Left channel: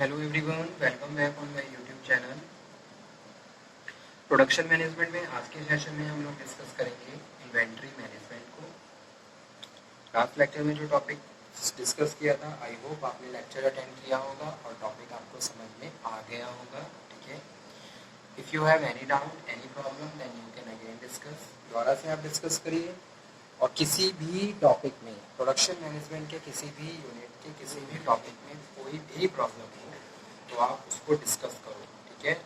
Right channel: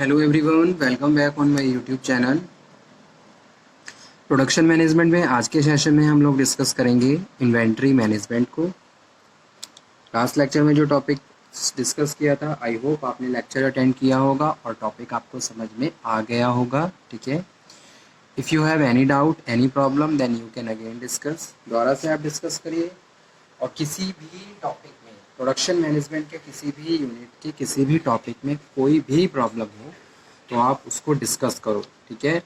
Hello everyone, welcome back on my YouTube channel. Production management में आज के session में हम लोग डिस्कस करेंगे इन्वेंट्री मैनेजमेंट को। लास्ट लेक्चर में जो टॉपिक डिस्कस किया था, आई होप आपने लेक्चर अटेंड किया होगा और टॉपिक आपको समझ में आ गया होगा। ठीक है, if you have any doubt any problem then you can again discuss. दोबारा से आप डिस्कस करिए। और किसी भी टॉपिक में, प्रोडक्शन मैनेजमेंट के किसी भी यूनिट के किसी भी टॉपिक में कोई भी प्रॉब्लम हो तो आप उसको डिस्कस करो। ठीक है,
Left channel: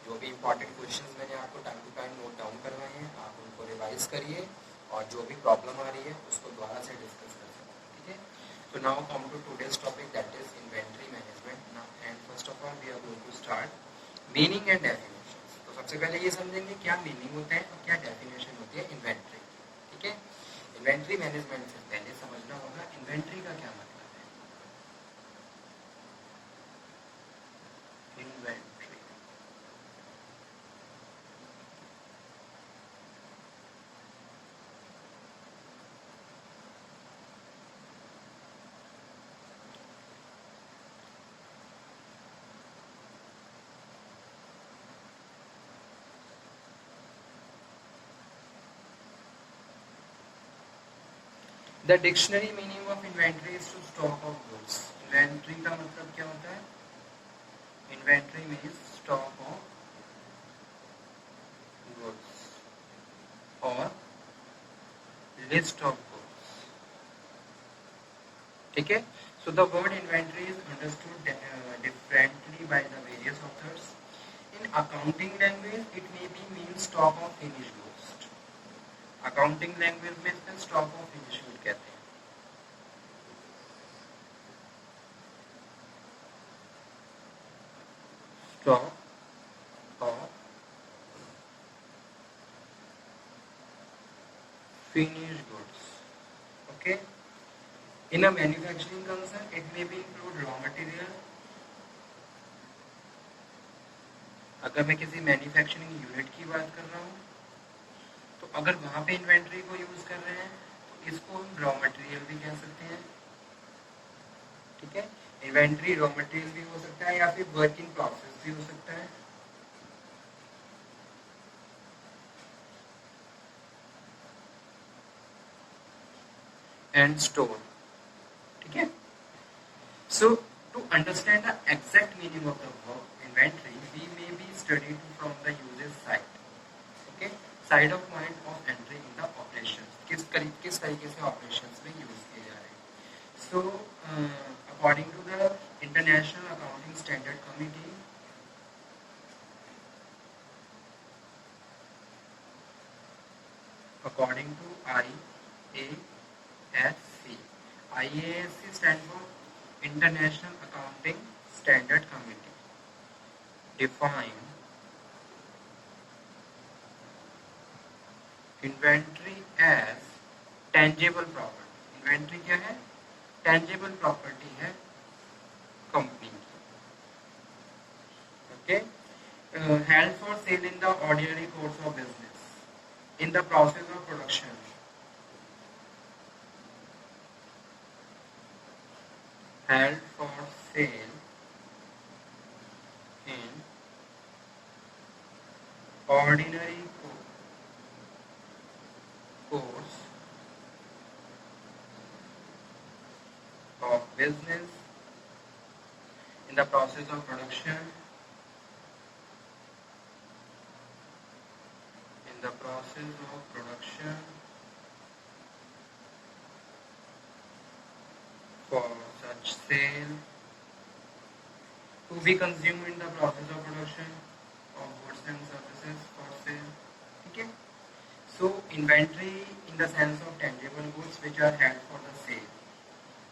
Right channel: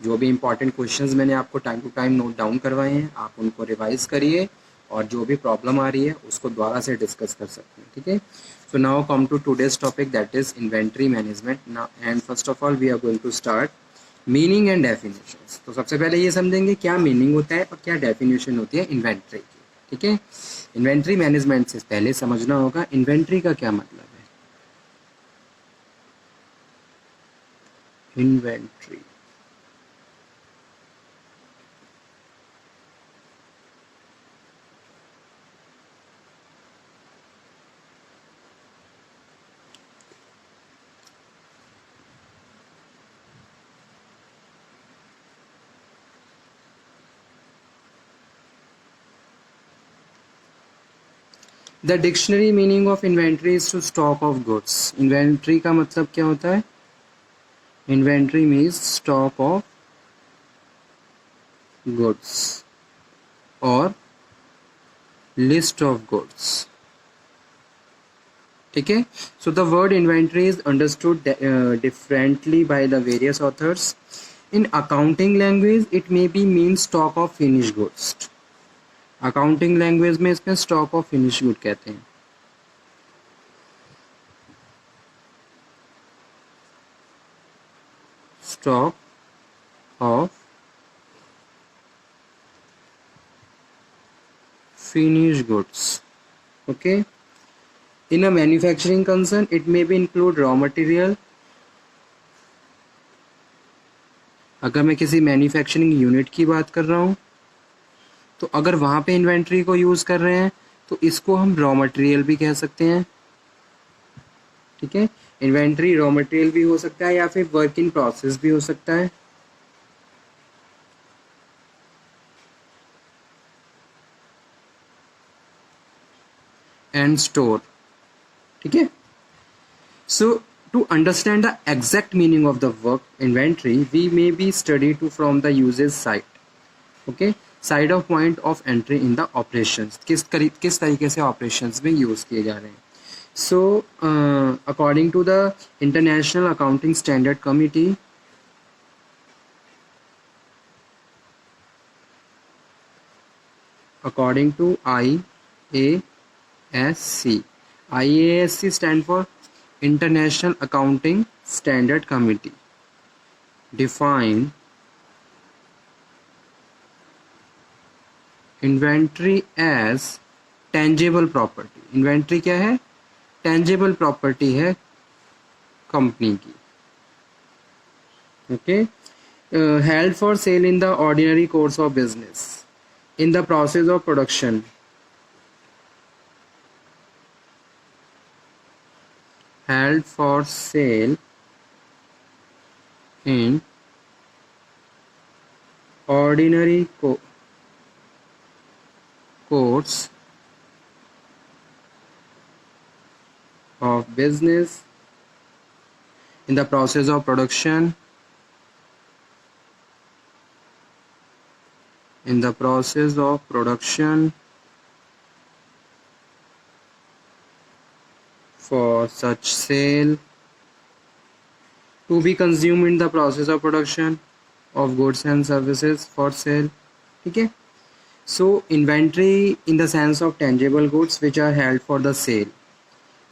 जो भी इंपॉर्टेंट क्वेश्चंस मैंने आपको time to time note down करवाए हैं आप उनको रिवाइज करिए और जो भी प्रॉब्लम आ रही है उसको दोबारा से डिस्कस कर सकते हैं। ठीक है, so now come to today's topic, that is inventory management now. And first of all we are going to start meaning and definitions. तो सबसे पहले ये समझेंगे क्या मीनिंग होता है और क्या डेफिनेशन होती है इन्वेंट्री की। ठीक है, इन्वेंट्री मैनेजमेंट से पहले समझना होगा इन्वेंट्री का क्या मतलब है। Inventory the dictionary meaning of inventory is to stock of goods. Inventory का मतलब क्या होता है? Inventory means stock of goods और लिस्ट ऑफ गुड्स। ठीक है, so the word inventory is understood differently by the various authors. In accounting language it may be mean stock of finish goods. Accounting language में इसमें stock of finish good कहते हैं। Stock of finished goods. Okay, in a manufacturing concern it may be include raw material. अगर मैं किसी manufacturing unit की बात कर रहा हूँ तो अगर वहाँ पे इन्वेंट्री को यूज़ कर रहे हैं तो इसको हम रॉ मटेरियल भी कह सकते हैं। ठीक है, इन्वेंट्री रॉ मटेरियल भी हो सकता है या फिर वर्क इन प्रोसेस भी हो सकता है। And store. ठीक है, so to understand the exact meaning of the word inventory we may be studied to from the user's side. Okay, side of point of entry in the operations, किस तरीके से operations में use किए जा रहे हैं। So according to the International Accounting Standard Committee, according to IASC, IASC stand for International Accounting Standard Committee, define inventory as tangible property. Inventory क्या है? टेंजेबल प्रॉपर्टी है कंपनी की। Okay, held for sale in the ordinary course of business, in the process of production, held for sale in ordinary course of business, in the process of production, in the process of production, for such sale, to be consumed in the process of production of goods and services for sale. ठीक है, so inventory in the sense of tangible goods which are held for the sale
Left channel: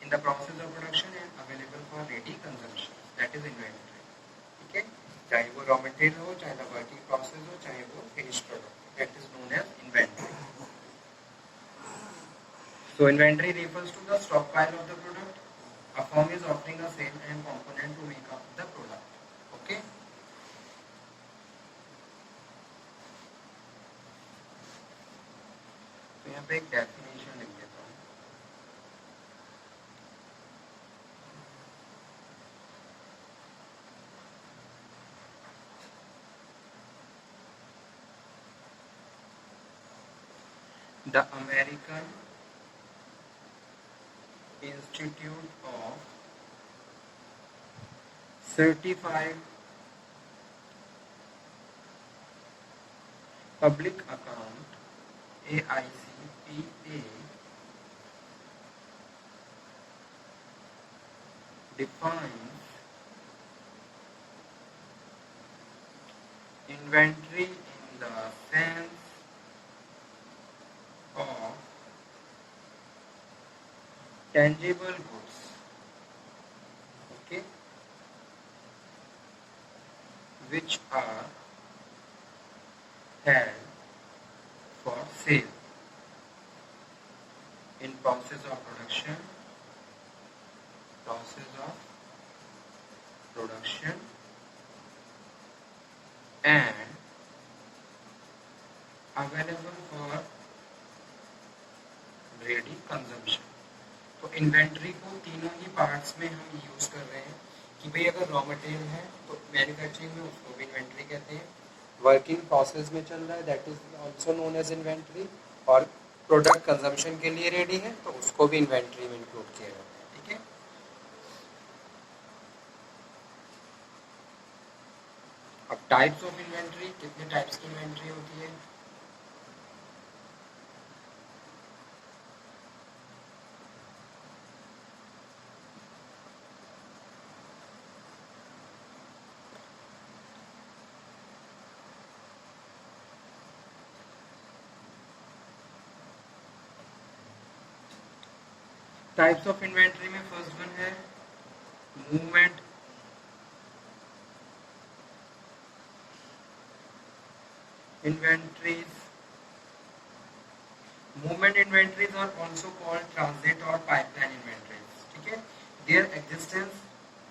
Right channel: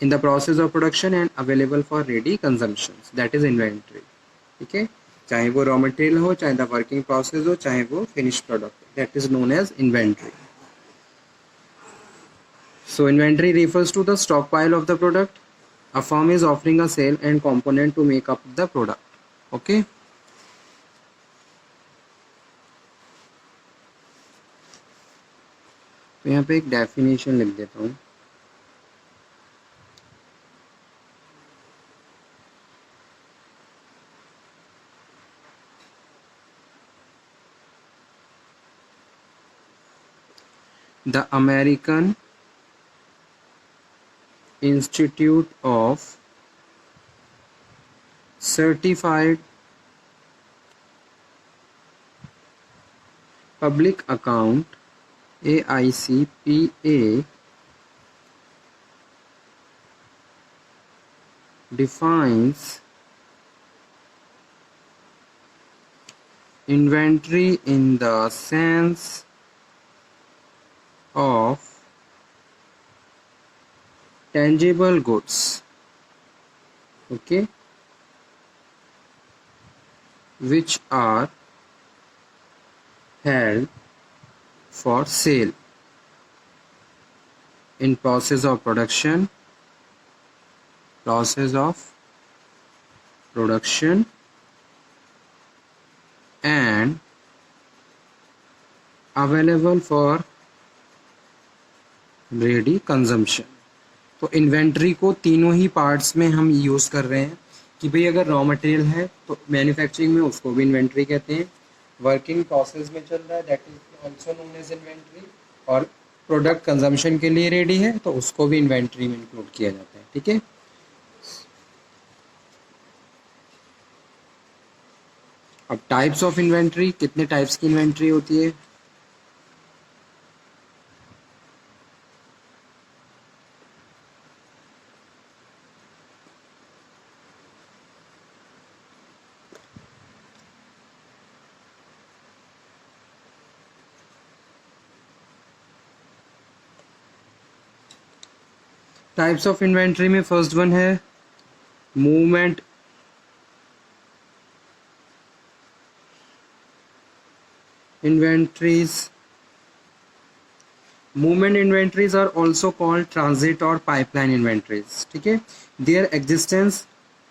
in the process of production and available for ready consumption, that is inventory. ठीक है, चाहे वो raw material हो, चाहे the working process हो, चाहे वो finish product, that is known as inventory. So inventory refers to the stockpile of the product a firm is offering a sale and component to make up the product. Okay, तो यहाँ पे एक definition लिख देता हूँ. the American Institute of Certified Public Account AICPA defines inventory in the sense of tangible goods, okay, which are held for sale in process of production and available for ready consumption. तो inventory को तीनों ही parts में हम use कर रहे हैं कि भाई अगर रॉ मटेरियल है तो मैन्युफैक्चरिंग में उसको भी इन्वेंट्री कहते हैं, वर्किंग प्रोसेस में चल रहा है that is also known as inventory, और प्रोडक्ट कंजम्पशन के लिए रेडी है तो उसको भी इन्वेंट्री में इंक्लूड किया जाता है, ठीक है। अब टाइप्स ऑफ इन्वेंट्री, कितने टाइप्स की इन्वेंट्री होती है? टाइप्स ऑफ इन्वेंट्री में फर्स्ट वन है movement inventories. Movement inventories are also called transit or pipeline inventories, ठीक है। Their existence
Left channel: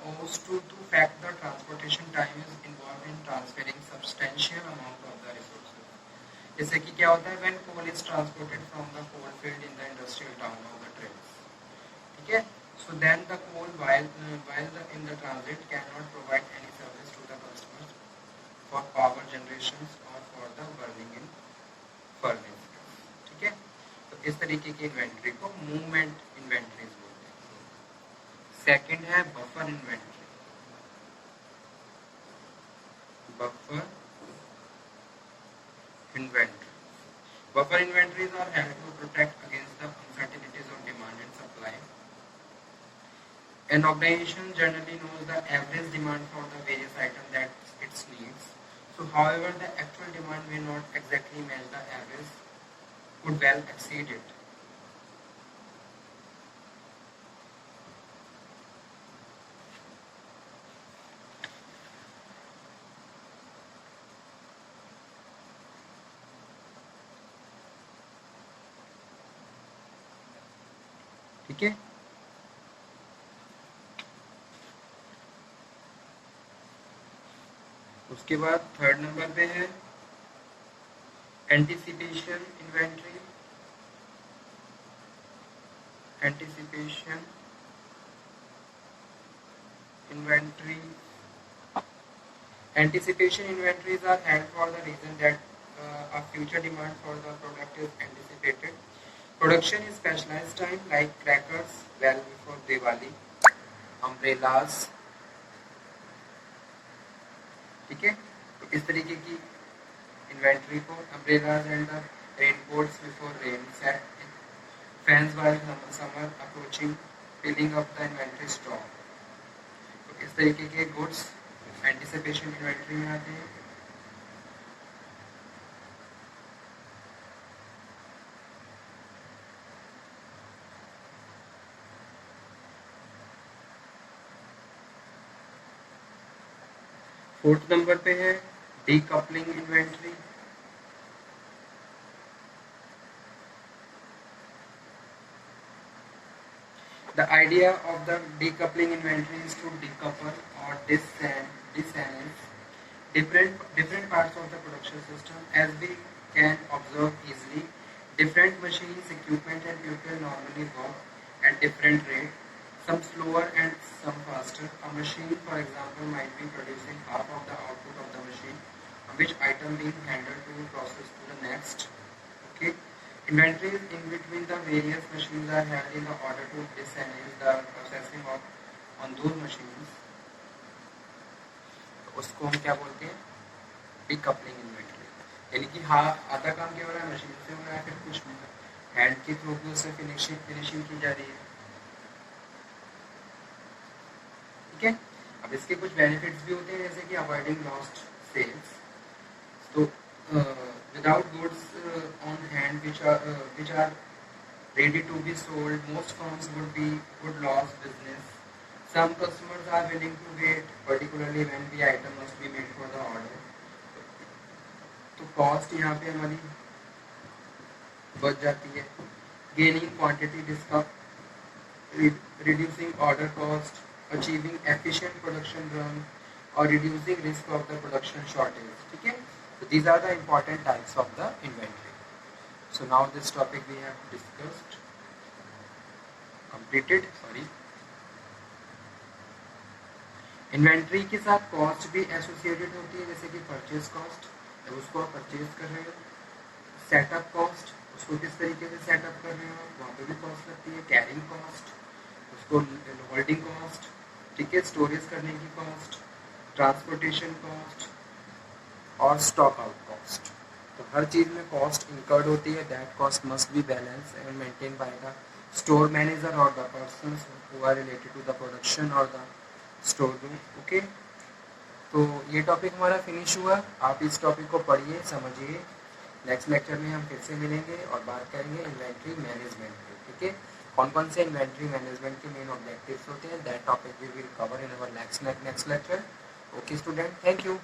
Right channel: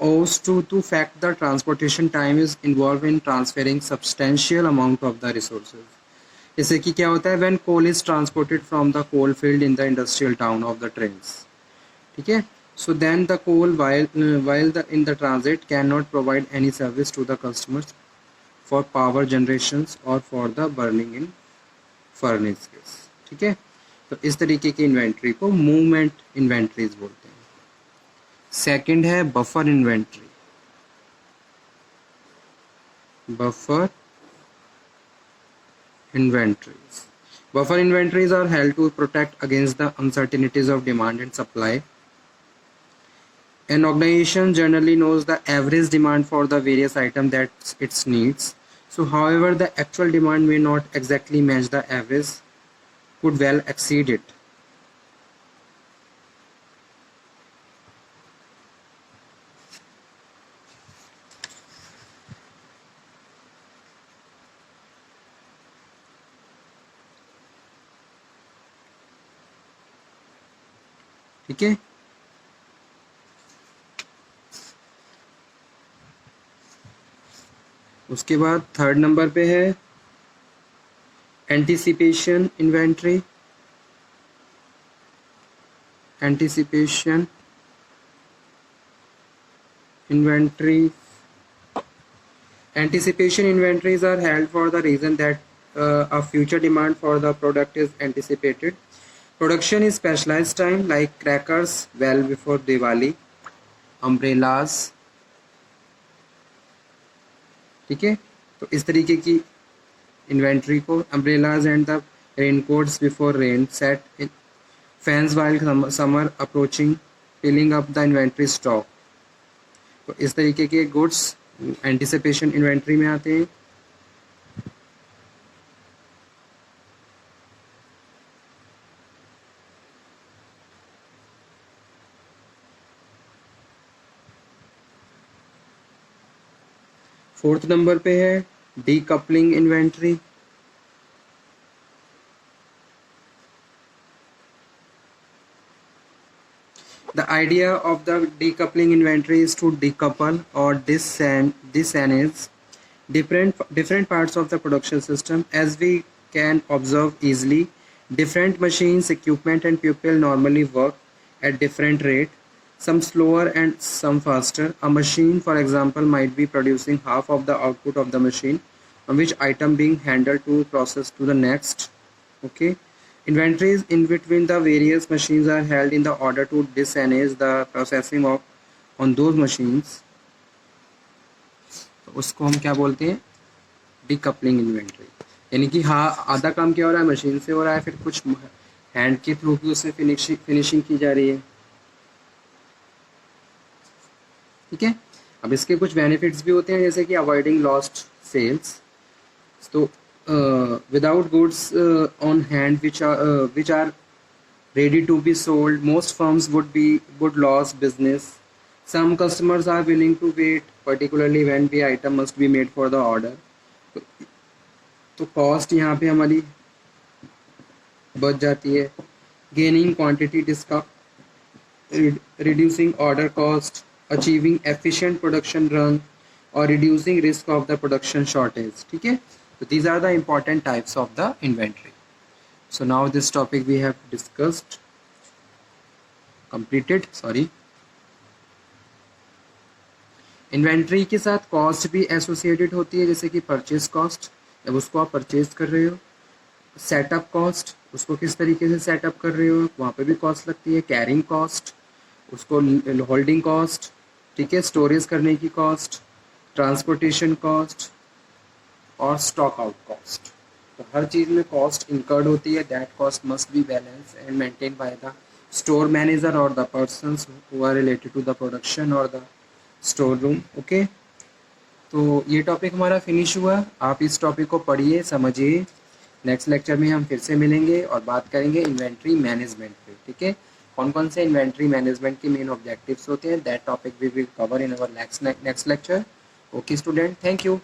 owes to fact the transportation time is involved in transferring substantial amount of the resources. जैसे कि क्या होता है when coal is transported from the coal field in the industrial town of the trains, ठीक है। So then the coal while in the transit cannot provide any service to the customers for power generations or for the burning in furnaces, ठीक है। तो इस तरीके की inventory को movement inventories बोलते हैं। सेकंड है buffer inventory. Buffer inventories. Buffer inventories are held to protect against the uncertainties of demand and supply. An organization generally knows the average demand for the various items that it needs. So, however, the actual demand may not exactly match the average, could well exceed it. ठीक है। उसके बाद third number पे है anticipation inventory. Anticipation inventory Anticipation inventories are held for the reason that a future demand for the product is anticipated. Production is specialized time like crackers well before Diwali, umbrellas, ठीक है। तो इस तरीके की inventory को umbrellas and the raincoats before rain set in fans while summer approaching filling up the inventory stock. तो इस तरीके के गुड्स एंटिसिपेशन इन्वेंट्री में आते हैं। फोर्थ नंबर पे है decoupling inventory. The idea of the decoupling inventory is to decouple or disentangle different parts of the production system. As we can observe easily, different machines, equipment and people normally work at different rate, some slower and some faster. A machine, for example, might be producing half of the output of the machine on which item being handled to process to the next. Okay. Inventories in between the various machines are held in the order to disenable the processing of on those machines. उसको हम क्या बोलते हैं, decoupling inventory. यानी कि हाँ, आधा काम क्या हो रहा है, मशीन से हो रहा है, फिर कुछ हैंड के थ्रू भी उसमें फिनिशिंग की जा रही है. ठीक है. अब इसके कुछ बेनिफिट्स भी होते हैं, जैसे कि अवॉइडिंग लॉस्ट सेल्स. तो without goods on hand which are ready to be sold, most firms would lose business. Some customers are willing to wait, particularly when the item must be made for the order. तो cost यहाँ पे हमारी बच जाती है. Gaining quantity discount, reducing order cost, achieving efficient production run, or reducing risk of the production shortage. ठीक है. So these are the important types of the inventory. So now this topic we have discussed, completed. Sorry. Inventory के साथ cost भी associated होती है, जैसे कि purchase cost, जब उसको आप परचेज कर रहे हो. सेटअप कॉस्ट, उसको किस तरीके से सेटअप कर रहे हो, वहाँ पे भी कॉस्ट लगती है. कैरिंग कॉस्ट, उसको होल्डिंग कॉस्ट, ठीक है, स्टोरेज करने की कॉस्ट, ट्रांसपोर्टेशन कॉस्ट और स्टॉक आउट कॉस्ट. तो हर चीज़ में कॉस्ट इंकर्ड होती है. That cost must be balance and maintain by the store manager और the persons who are related to the production और द स्टोर रूम. ओके. तो ये टॉपिक हमारा फिनिश हुआ. आप इस टॉपिक को पढ़िए, समझिए. नेक्स्ट लेक्चर में हम फिर से मिलेंगे और बात करेंगे इन्वेंट्री मैनेजमेंट पे. ठीक है. कौन कौन से इन्वेंट्री मैनेजमेंट के मेन ऑब्जेक्टिव्स होते हैं, that topic we will cover in our next lecture. Okay student, thank you.